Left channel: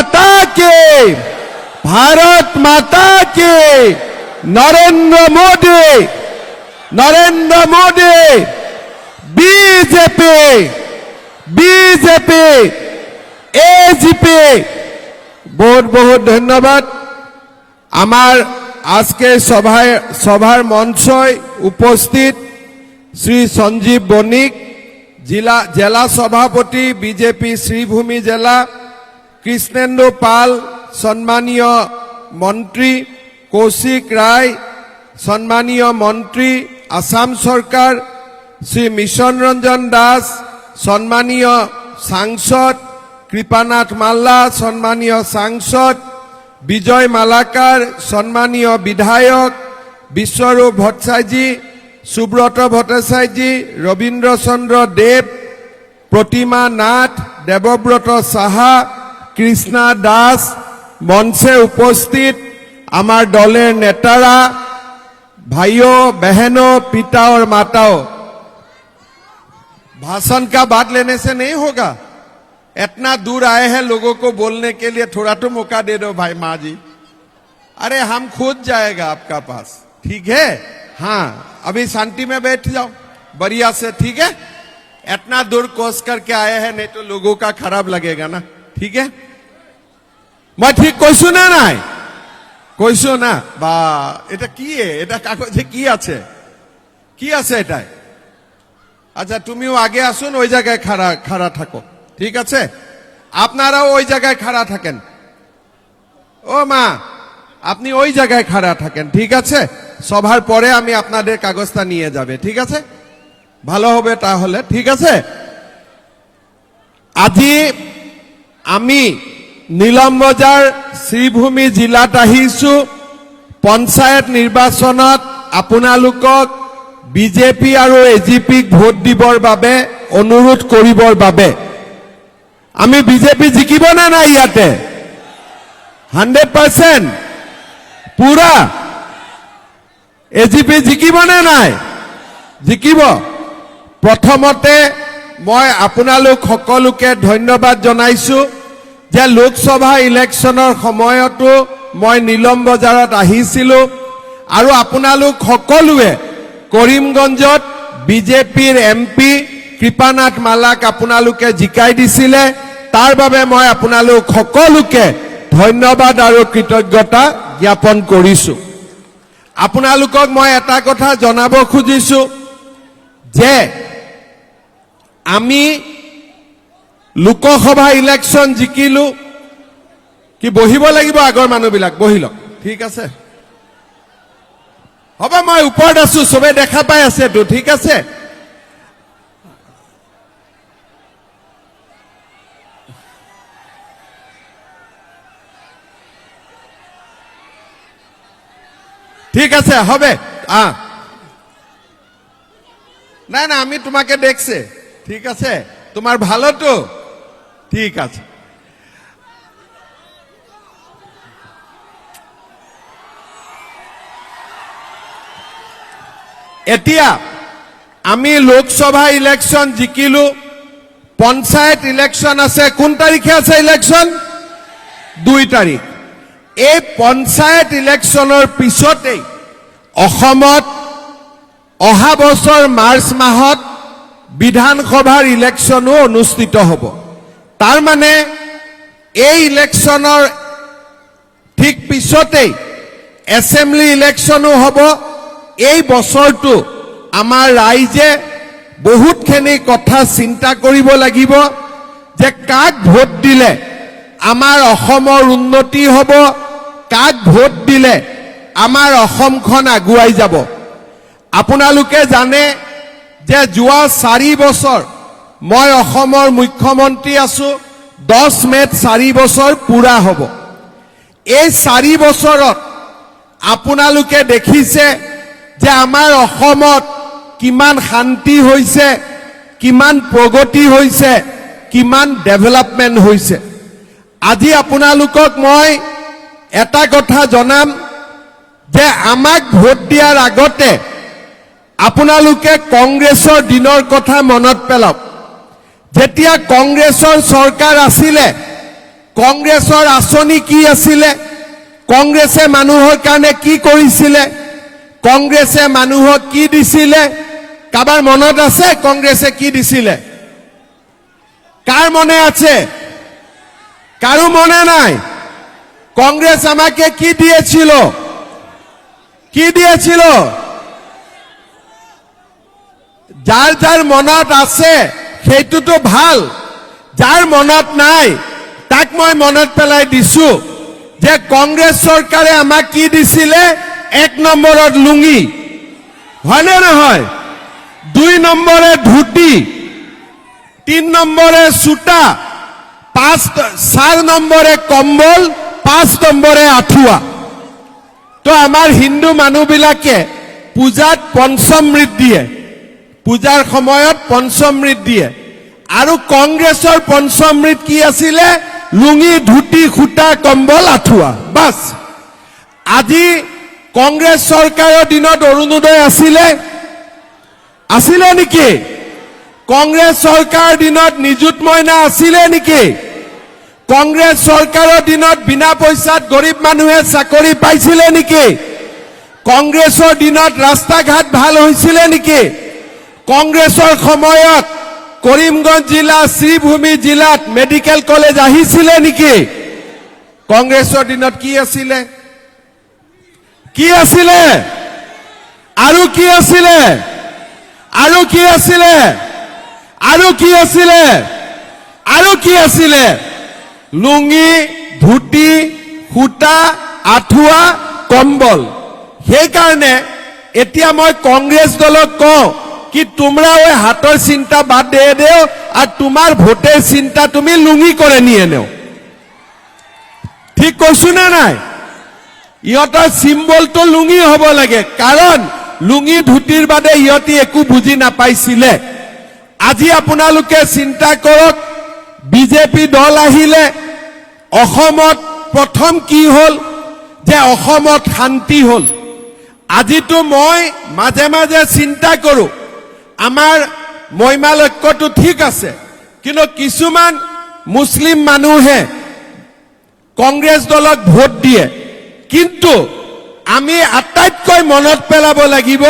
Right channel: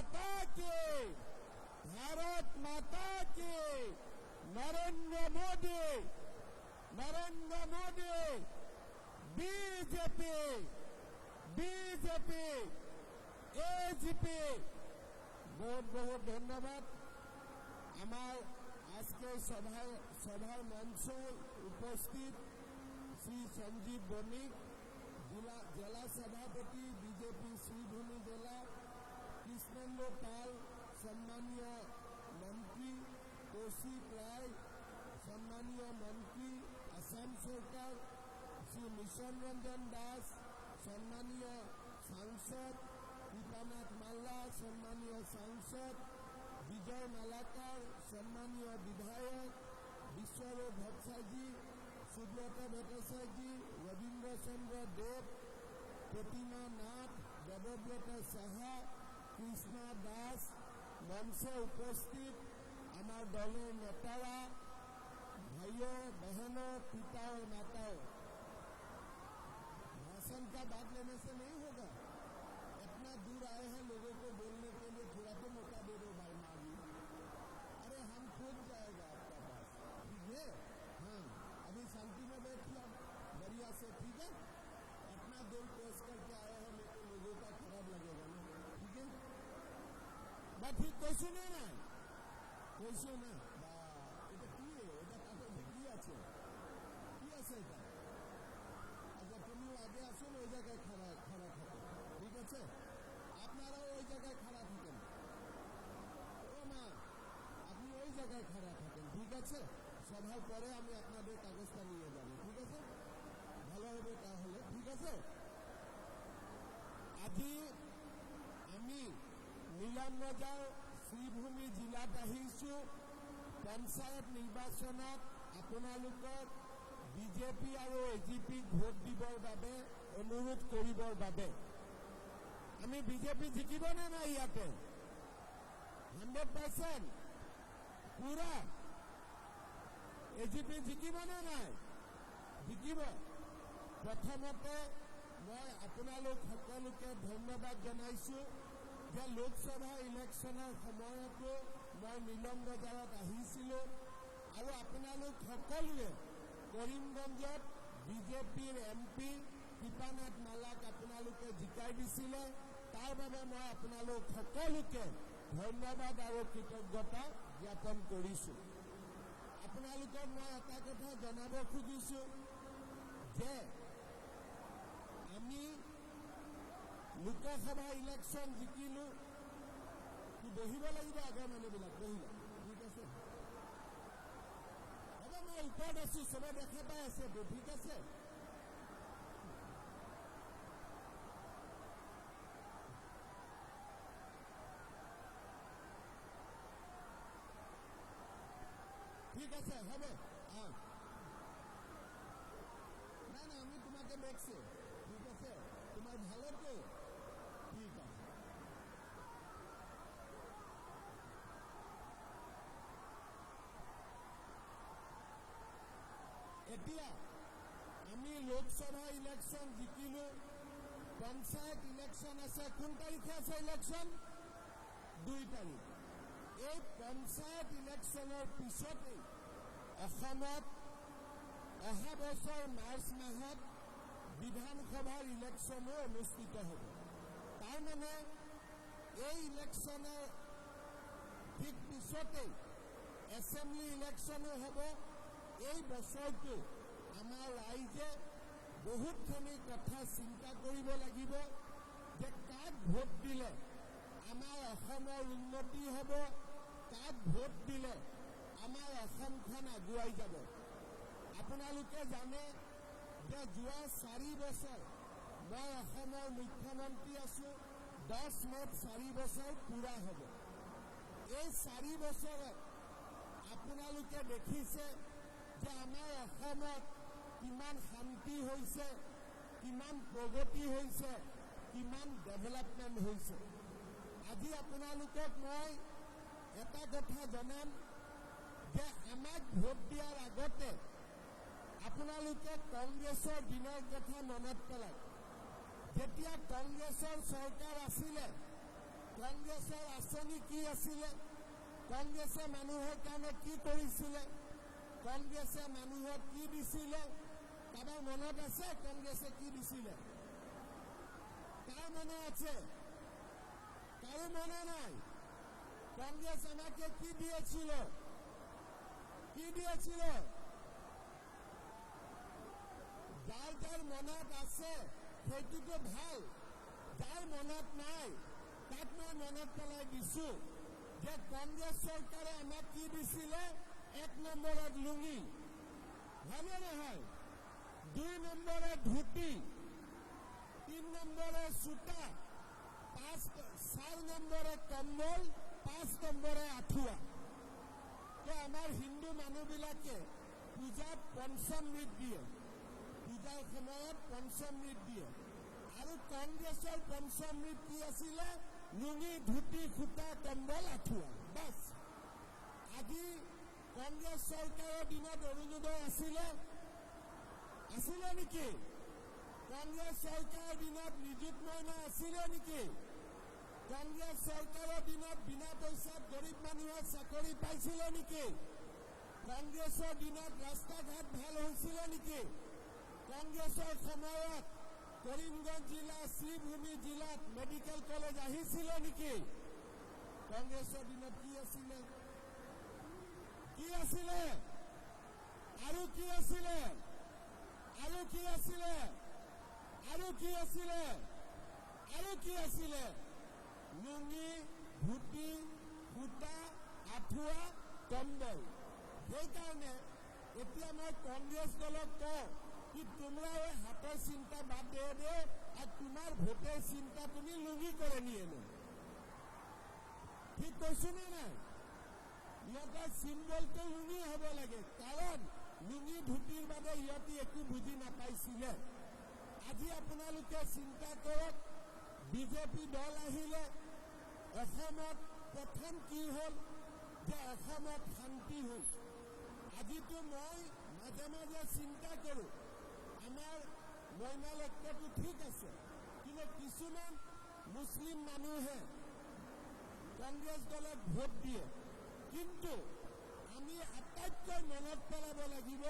মাতা কে ভারত মাতা কে Narendra Modi Narendra Modi, BJP BJP AGP বহুত বহুত ধন্যবাদ। আমার আজকে সভায়, সভার মঞ্চয় উপস্থিত শ্রী সঞ্জীব বণিক, জেলা জেলা সভাপতি, বিজেপি, শ্রীভূমি জেলা কৃষ্ণেন্দু পাল, সম্মানীয় মন্ত্রী কৌশিক রায়, সম্মানীয় মন্ত্রী আসাম সরকার, শ্রী মিশন রঞ্জন দাস, সম্মানীয় সাংসদ কৃপানাথ মাল্লা, সম্মানীয় সাংসদ বিজয় মালাকার, সম্মানীয় বিধায়ক বিশ্বরূপ ভট্টাচার্যী, সুব্রত ভট্টাচার্যী রবীন্দ্র চন্দ্র দেব, প্রতিমা নাথ, দেবব্রত সাহা কৃষ্ণা দাস মঞ্চে উপস্থিত আমার দলের নেতারা भाइयों बहनों पिता और माताओं भाषण का बात लेने से नहीं होगा इतना दूर आए हैं लोगों को बोलने के लिए थोड़ा तो मौका दे दो भाई माँ जी अरे हम खुद जाएगा आपका पास ठीक है हाँ अभी शांति में बैठ जाओ बढ़िया से ठीक है इतना दूर कोस करके आए हैं नहीं तो लोगों का खराब लगेगा ना ठीक है মই ঠিক কৈছো না নাই? কৈছো না। বা, এটা কি এটা কাগজে কি আছে? কি আছে এটায় আচ্ছা তুমিও আগে আসুন, ওই জায়গায় খাড়া খাড়া থাকো। ঠিক আছে? আপনারাও ওই জায়গায় খাড়া থাকেন। ও মা, আপনি ওই জায়গায় খাড়া থাকেন, ঠিক আছে? সভার পরে আমি আপনাদের কাগজটা নিয়ে যাবে, ঠিক আছে? ভালো হবে তাহলে, ঠিক আছে? আজি আমি নীলমবজাৰ শ্ৰীভূমি জিলাত আহিছো পঞ্চায়ত নিৰ্বাচনত আপোনালোকক বিজেপি আৰু এজিপিক ভোট দিবৰ বাবে, অনুৰোধ কৰিবৰ বাবে। আমি বিজেপি জিকিব নে নাই ইয়াতে? Hundred percent. পুৰা। এজিপি জিকিব নে নাই? জিকিব। প্ৰথমতে মই আপোনালোক সকলোকে ধন্যবাদ জনাইছো। যে লোকসভা ইলেকশ্যনৰ সময়তো মই নীলম বজাৰত আহিছিলো আৰু আপোনালোক সকলোৱে কৰিমগঞ্জত বিজেপিৰ এম পি কৃপানাথ মালাক আপোনালোকে জিকাই দিছিলে। তাৰ বাবে মই আপোনালোক সকলোকে ধন্যবাদ আৰু কৃতজ্ঞতা জ্ঞাপন কৰিছো। আপোনালোকক মই এটা কথা জনাব খুজিছো যে আমি লোকসভা ইলেকশ্যন জিকিলো। কি বহিব লাগিব আগৰ মানুহবিলাক? বহি লওক। ঠিক আছে? হ'ব, মই ওপৰত আছো, চবে দেখা পাই আছেতো ঠিক আছে? ঠিক আছে, হবে। আহ। না না আমি তোমাকে দেখছে। ঠিক আছে? তোমার ভালো তো ঠিক আছে। এতিয়া আমি লোকসভা ইলেকশ্যন জিকিলো, পঞ্চায়ত ইলেকশ্যন আছে, কোন তাৰিখে আছে ইলেকশ্যন দুই তাৰিখ। এই পঞ্চায়ত ইলেকশ্যনৰ পিছতেই অসমত অহা বছৰ মাৰ্চ মাহত বিধানসভাৰ ইলেকশ্যনো অনুষ্ঠিত হ'ব। তাৰ মানে এই ইলেকশ্যনৰ ঠিক পিছতেই এছেম্বলি ইলেকশ্যনো হ'ব। এই বছৰটো আমাৰ ৰাইজে বহুতখিনি কথা চিন্তা কৰিব লাগিব যে কাক ভোট দিলে আমাৰ অসমৰ উন্নতি হ'ব, কাক ভোট দিলে আমাৰ অসমখন আগুৱাই যাব। আপোনালোকে জানে যে যোৱা চাৰি বছৰ মই অসমৰ মুখ্যমন্ত্ৰী আছো, দহ মেত চাৰি বছৰ পুৰা হ'ব। এই চাৰি বছৰত আপোনালোকে দেখিছে যে আমাৰ অসমত কিমান শান্তি হৈছে, কিমান প্ৰগতি হৈছে, কিমান ডেভেলপমেণ্ট হৈছে। আজি আপোনালোকক মই এটা কথা জনাম যে আমাক ভোট দিয়াৰ আগতে আপোনালোকে কংগ্ৰেছৰ দিনৰ কথা মনত পেলাওক। যেতিয়া কংগ্ৰেছৰ চৰকাৰ আছিলে, কংগ্ৰেছৰ আঁচনি কি আছিলে, কংগ্ৰেছে মানুহৰ কাৰণে কি কৰিছিলে, কংগ্ৰেছে মানুহক কি দিছিলে, কাৰোবাৰ মনত আছে কংগ্ৰেছে কি দিছিলে? কাৰ মনে আছে? কারও মনে নাই? কংগ্রেস আমাকে কি দিয়েছিল? কি দিয়েছিল? যার যার মনত আছে সেইটোতো ভালো। যাৰ মনত নাই, তাক মই মনত পেলাই দিছো যে কংগ্ৰেছ চৰকাৰে আমাক কি দিছিলে? এক নম্বৰত লুঙি। হয়নে নহয়? দুই নম্বৰে ধুতি, তিন নম্বরে সুতা, পাঁচ চার নম্বরে কম্বল, পাঁচ নম্বরে আঁঠুৱা। তো আমাৰ হিন্দু মানুহবিলাকে পূজাত পঞ্চমৃত দিয়ে। পূজাৰ সময়ত পঞ্চমৃত দিয়ে। আৰু কংগ্ৰেছৰ পঞ্চমৃত কি আছিলে? লুঙি, ধুতি, সূতা, কম্বল, আঁঠুৱা। বাছ। আজি কংগ্ৰেছ চৰকাৰৰ দিনত অৰুণোদয় আছিলে। আছিলে নেকি? কংগ্ৰেছ চৰকাৰৰ দিনত নিযুত মইনা আছিলে নেকি? কংগ্ৰেছ চৰকাৰৰ দিনত বিনা পইচাত গৰীব মানুহে চাকৰি পাইছিলে নেকি? কংগ্ৰেছৰ দিনত ৰাস্তা ঘাট ভালো হৈছিলে নেকি? কংগ্ৰেছৰ সময়ত কৰিমগঞ্জ জিলা শ্ৰীভূমি জিলাত মেডিকেল কলেজ আহিছিলে নেকি? কংগ্ৰেছৰ দিনত কি আছিলে? কি আছিলে? আৰু কি আছিলে? আৰু কি আছিলে? আৰু কি আছিলে? আৰু কি আছিলে? লুঙি, ধুতি, সূতা, আঁঠুৱা, কম্বল। সেইকাৰণে এতিয়া মই কংগ্ৰেছ দলক কওঁ कि তোমরা ওই হাতৰ চিন্তা বাদ দিয়ে দেও আর তোমার ভোটের চিন্তা তুমি লুঙি করে নিয়ে নেও ঠিক কৈছো নে নাই ইহঁতৰ চিম্বলটো লুঙি হ'ব লাগে কাৰণ লুঙি ধুতিৰ বাদে ইহঁতি একো বুজি নাপাইছিলে আজি আপোনালোকে চিন্তা কৰক বিজেপি দল আহিলে অসমত প্ৰথম কি হ'ল যে অসমত শান্তি হ'ল আজিতো মই মাজে মাজে চিন্তা কৰোঁ আমাৰ মহিমা লক্ষ্যটো ঠিক আছে, কিন্তু কিছুমান মুছলিম মানুহে কংগ্ৰেছ দলক ভোট দিয়ে। কিন্তু আমি আটাইতকৈ মনত পেলাব লাগিব,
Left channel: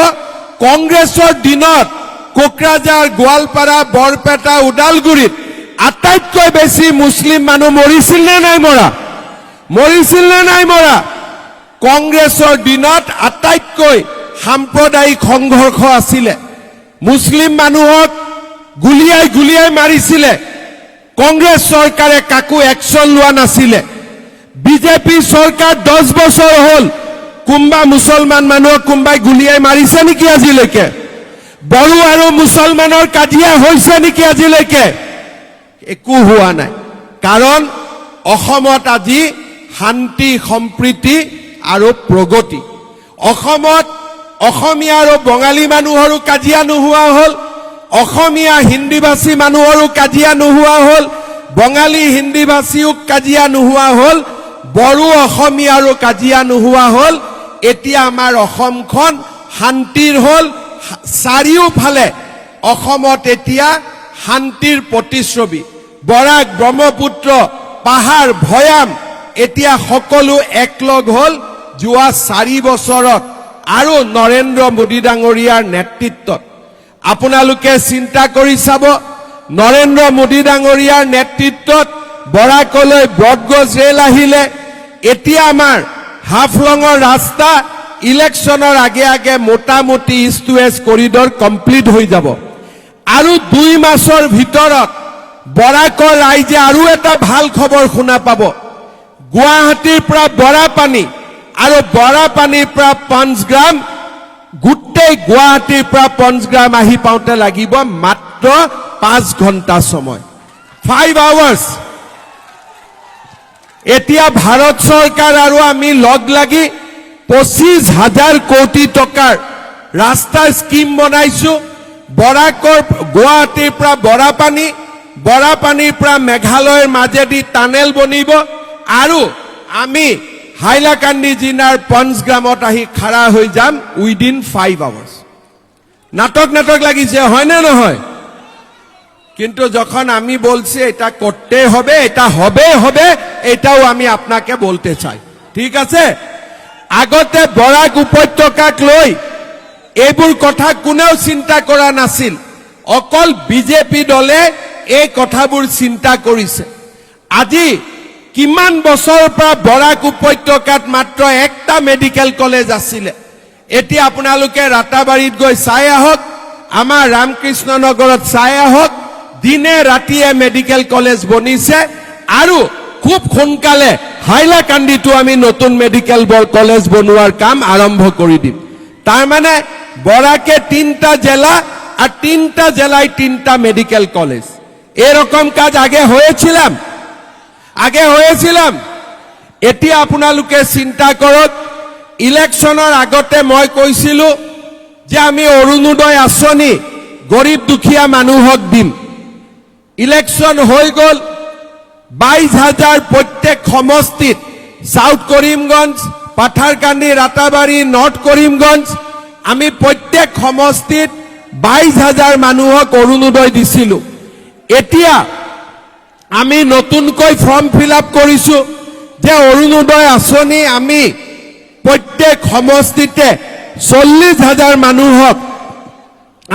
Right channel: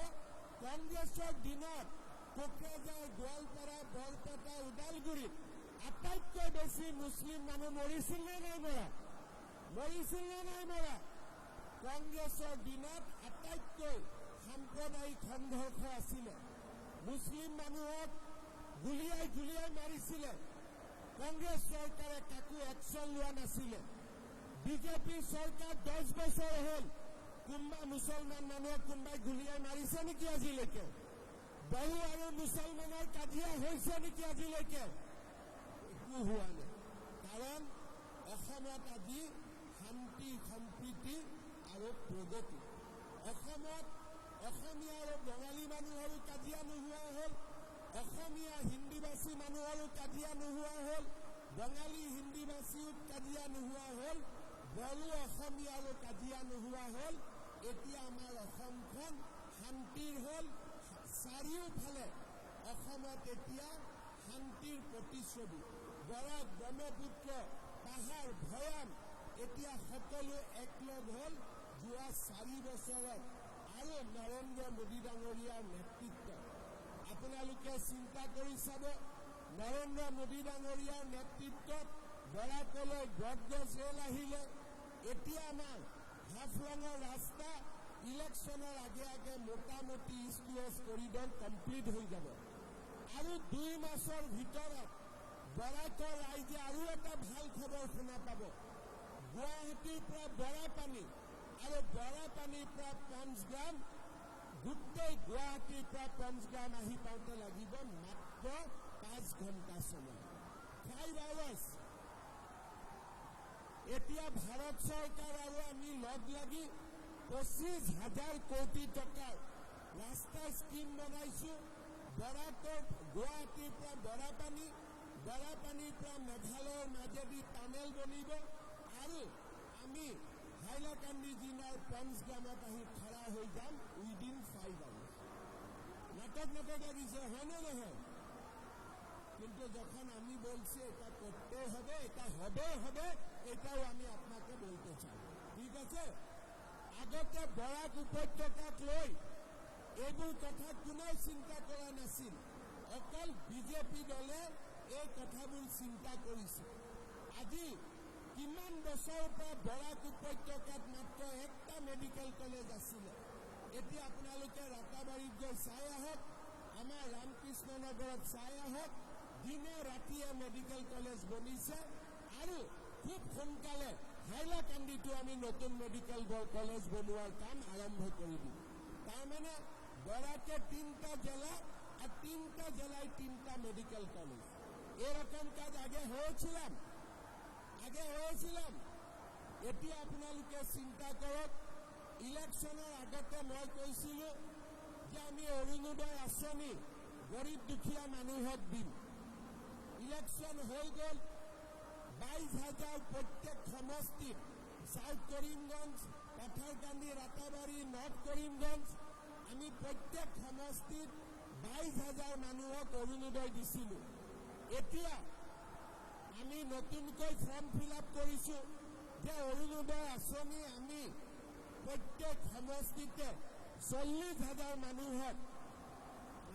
কংগ্ৰেছৰ দিনত কোকৰাঝাৰ, গোৱালপাৰা, বৰপেটা, ওদালগুৰিত আটাইতকৈ বেছি মুছলিম মানুহ মৰিছিল নে নাই মৰা? মৰিছিল নে নাই মৰা? কংগ্ৰেছৰ দিনত আটাইতকৈ সাম্প্ৰদায়িক সংঘৰ্ষ আছিলে। মুছলিম মানুহক গুলিয়াই গুলিয়াই মাৰিছিলে। কংগ্ৰেছ চৰকাৰে কাকো একশ্যন লোৱা নাছিলে। বিজেপি চৰকাৰ দহ বছৰ হ'ল কোনোবা মুছলমান মানুহক কোনোবাই গুলিয়াই মাৰিছে নেকি আজিলৈকে? বড়ো আৰু মুছলমানৰ কাজিয়া হৈছে নেকি আজিলৈকে? একো হোৱা নাই। কাৰণ অসমত আজি শান্তি, সম্প্ৰীতি আৰু প্ৰগতি। অসমত অসমীয়া আৰু বঙালী মানুহৰো কাজিয়া নোহোৱা হ'ল। অসমীয়া হিন্দীভাষী মানুহৰো কাজিয়া নোহোৱা হ'ল। বঙালী হিন্দীভাষীও কাজিয়া নোহোৱা হ'ল। বড়ো অসমীয়াৰো কাজিয়া নোহোৱা হ'ল। এতিয়া আমাৰ অসমখন শান্তিৰ হ'ল। চাৰিওফালে অসমত এতিয়া শান্তিৰ প্ৰতিচ্ছবি। বৰাক ব্ৰহ্মপুত্ৰ, পাহাৰ, ভৈয়াম, এতিয়া সকলো একলগ হ'ল। যোৱা চাৰি বছৰত আৰু নৰেন্দ্ৰ মোদী ডাঙৰীয়াৰ নেতৃত্বত। আপোনালোকে চিন্তা কৰি চাব, নৰেন্দ্ৰ মোদী ডাঙৰীয়াৰ নেতৃত্বত বৰাকলৈ ব্ৰডগজ ৰেল আহিলে। এতিয়া আমাৰ হাফলঙৰ ৰাস্তা ইলেকশ্যনৰ আগে আগে মোটামুটি ইষ্ট ৱেষ্ট কৰিডৰ কমপ্লিট হৈ যাব। আৰু দুই মাছৰ ভিতৰত বৰাকৰ ৰাইজে আৰু এটা ভালো খবৰ শুনা পাব। গুৱাহাটীৰ পৰা বৰাপানী আৰু বৰাপানীৰ পৰা পঞ্চগ্ৰাম গোটেই গুৱাহাটীৰ পৰা পঞ্চগ্ৰাম আহি পাওঁতে লাগিব মাত্ৰ পাঁচ ঘণ্টা সময়। ফাইভ আৱাৰ্ছ এতিয়া ভাৰত চৰকাৰ আৰু আমি লগ লাগি পঁচিছ হাজাৰ কোটি টকাৰ ৰাস্তাৰ স্কিম বনাইছো। বৰাকৰ, গুৱাহাটীৰ পৰা বৰাপানী, বৰাপানীৰ পৰা মেঘালয়ৰ মাজেদি টানেল বনিব। আৰু আমি হাইলাকান্দি জিলাৰ পঞ্চগ্ৰামত আহি খাৰা হৈ যাম উইদিন ফাইভ আৱাৰ্ছ নাটক নাটক লাগিছে হয়নে নহয়? কিন্তু যখন আমি বলছি, এটা করতে হবে, এটা হবে হবে, এটাও আমি আপনাকে বলতে চাই। ঠিক আছে? আগতে বৰাক উপত্যকাক লৈ এইবোৰ কথা কোনেও চিন্তা কৰা নাছিল। অকল বিজেপি দলে এই কথাবোৰ চিন্তা কৰিছে। আজি কিমান বছৰৰ পৰা বৰাক উপত্যকাত মাত্ৰ একটা মেডিকেল কলেজ আছিলে। এতিয়া আপোনালোকে ৰাতাবাৰীত গৈ চাই আহক, আমাৰ ৰামকৃষ্ণ নগৰত চাই আহক, দিনে ৰাতিয়ে মেডিকেল কলেজ বনিছে আৰু খুব সোনকালে হাইলাকান্দিতো আমি নতুন মেডিকেল কলেজ বনোৱাৰ কাম আৰম্ভ কৰি দিম। তাৰমানে বরাকে তিনটা জেলা আর তিনটা জেলায় তিনটা মেডিকেল কলেজ এরকম কাজ আগে হয়েছিলাম আগে হয়েছিলাম। এতিয়া আপোনালোকে চিন্তা কৰক। ইলেকশ্যনৰ আগতে মই কৈছিলো যে আমি অৰুণোদয় আঁচনি গৰীব দুখীয়া মানুহক দিম। ইলেকশ্যন হৈ গ'ল। বাইশ হাজাৰ প্ৰত্যেক সমষ্টিত চাউথ কৰিমগঞ্জ পাথাৰকান্দি ৰাতাবাৰী, নৰ্থ কৰিমগঞ্জ, আমি প্ৰত্যেক সমষ্টিত বাইশ হাজাৰ মানুহক অৰুণোদয় দিছিলো। এতিয়া আমি নতুনকৈ ফৰ্ম ফিল আপ কৰিছোঁ। যে অৰুণোদয় আঁচনি আমি প্ৰত্যেক সমষ্টিতে চল্লিছ হাজাৰ মানুহক